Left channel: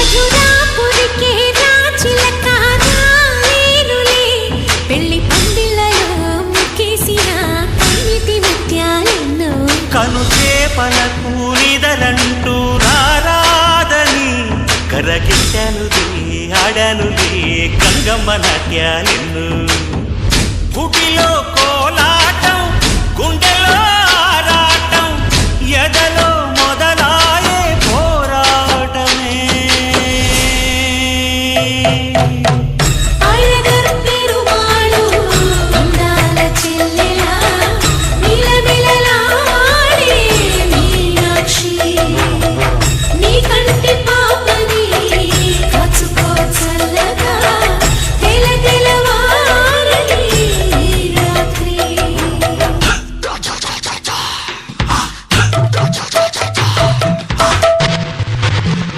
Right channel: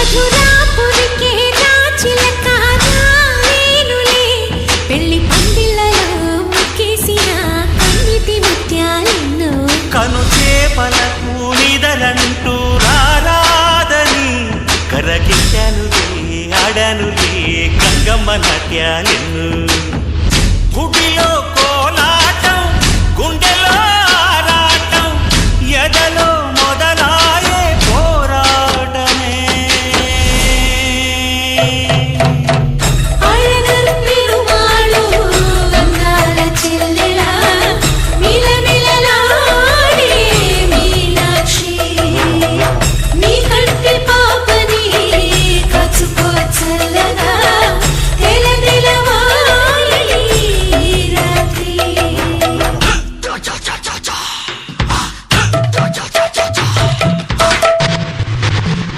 మధురాపురికే రాచిలక రాలేనులే పెళ్లి పందిళ్ళలో ముక్కేసిన కన్నిటి ముత్యాలెన్నో కను చేపలకు నిదరంటూ రారాదని కరగిట్టానులే ఆడానులే గంగమ్మ నాట్యాలెన్ను గుడిలో కోలాటం గుండెలో ఆరాటం ఎదలో మొదలాయే పోరాటం